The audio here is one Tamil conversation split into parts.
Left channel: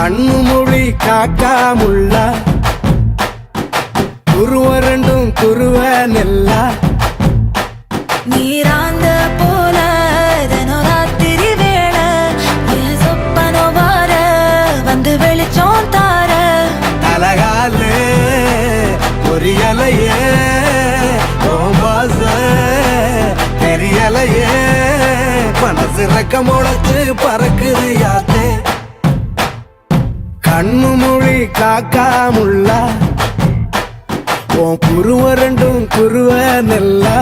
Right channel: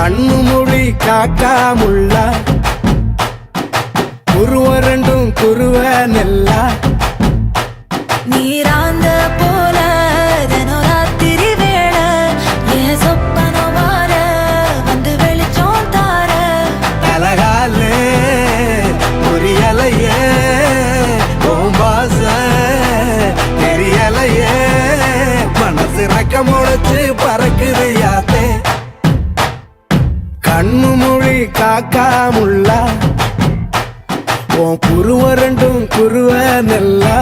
கண்ணு மொழி காக்காமுள்ள குருவ ரெண்டும் குருவ நெல்லா நீராங்க போல ராத்திரி வேள என் சொப்பனம் மாற வந்து வெளிச்சம் தார தலகாலே பொரியலையே பாச தெரியலையே மனசு ரக்க முளைச்சு பறக்குதையாத்தே கண்ணு மொழி காக்காமுள்ள உன் குருவ ரெண்டும் குருவ நெல்லா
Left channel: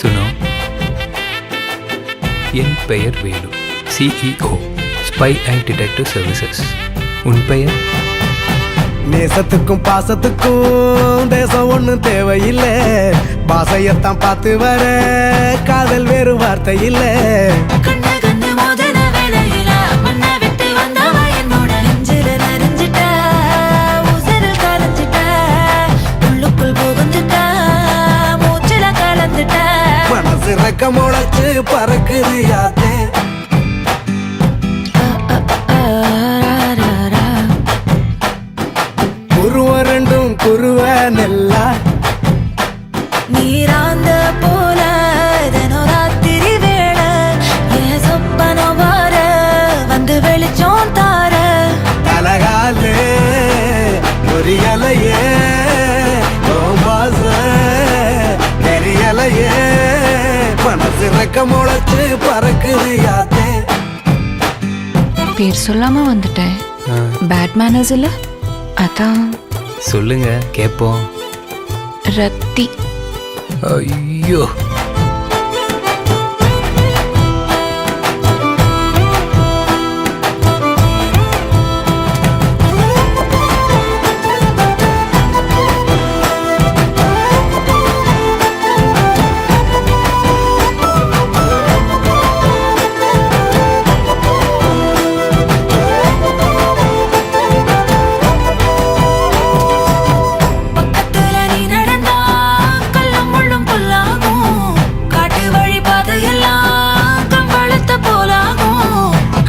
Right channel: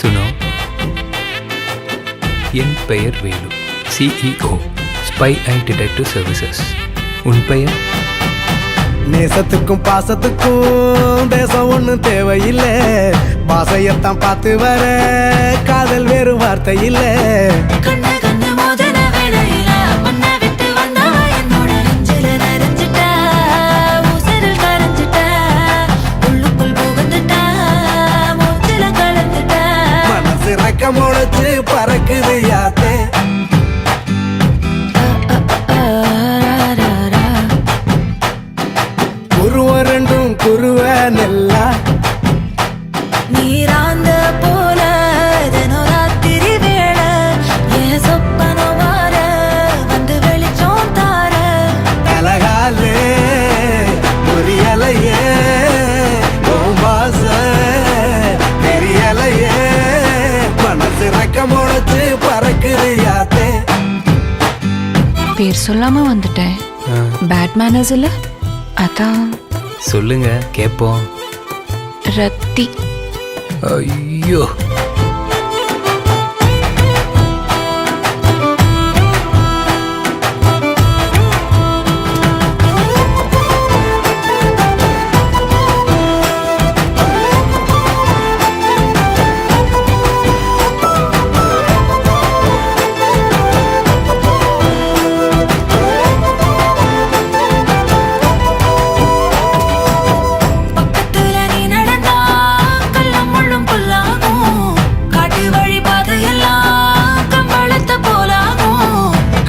சுனோ, என் பெயர் வேலு, CEO, ஸ்பை ஐ டிடெக்டிவ் சர்வீசஸ். உன் பெயர்? நேசத்துக்கும் பாசத்துக்கும் தேசம் ஒண்ணும் தேவையில்லை, பாசையத்தான் பார்த்து வர காதல் வேறு வார்த்தை இல்லை. கண்ணு மோதிர வேளையில மண்ண விட்டு வந்தவ என்னோட நெஞ்சில நிறைஞ்சிட்ட உசிரில் கரைஞ்சிட்ட உள்ளுக்குள் புகுந்துட்ட மூச்சில கலந்துட்ட மனசு ரக்க முளைச்சு பறக்குது யாத்தே குருவ ரெண்டும் குருவ நெல்லா நீராந்த போல ராத்திரி வேள என் சொப்பனம் மாற வந்து வெளிச்சம் தார தலகாலே பொரியலையே பாச தெரியலையே மனசு ரக்க முளைச்சு பறக்குது யாத்தே. பேர் சொல்லாம வந்துட்டேன். பேட் மேனர்ஸ் இல்ல, அதான். சொல்லுங்க கேட்போம். ரத்தி. ஐயோ,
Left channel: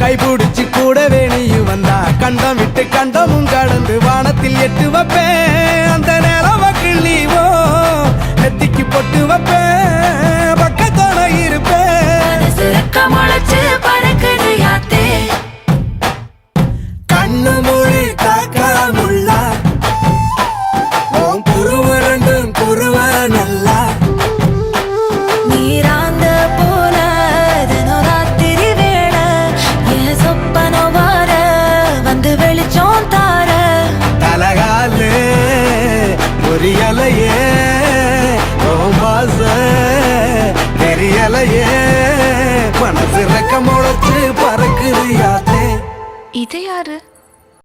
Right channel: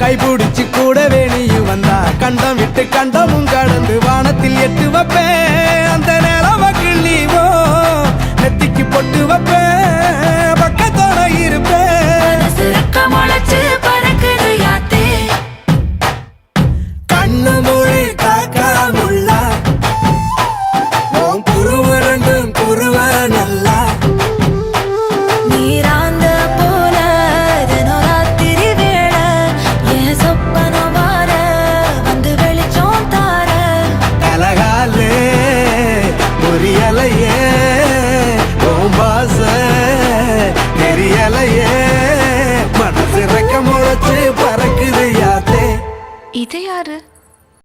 கைபிடிச்சு கூடவே நீயும் வந்தா கண்டம் விட்டு கண்டமும் கடந்து வானத்தில் எட்டு வைப்பேன். அந்த நிலவ கிள்ளிவோ நெத்திக்கு பொட்டு வைப்பேன், பக்கத்தோட இருப்பேன். கண்ணு மொழி காக்காமுள்ள உன் குருவ ரெண்டும் குருவ நல்லா நீராந்த போல ராத்திரி வேள என் சொப்பனம் மாற வந்து வெளிச்சம் தார தலகாலே பொரியலையே பாச தெரியலையே மனசு ரக்க முளைச்சு பறக்குது யாத்தே. இது யாரு?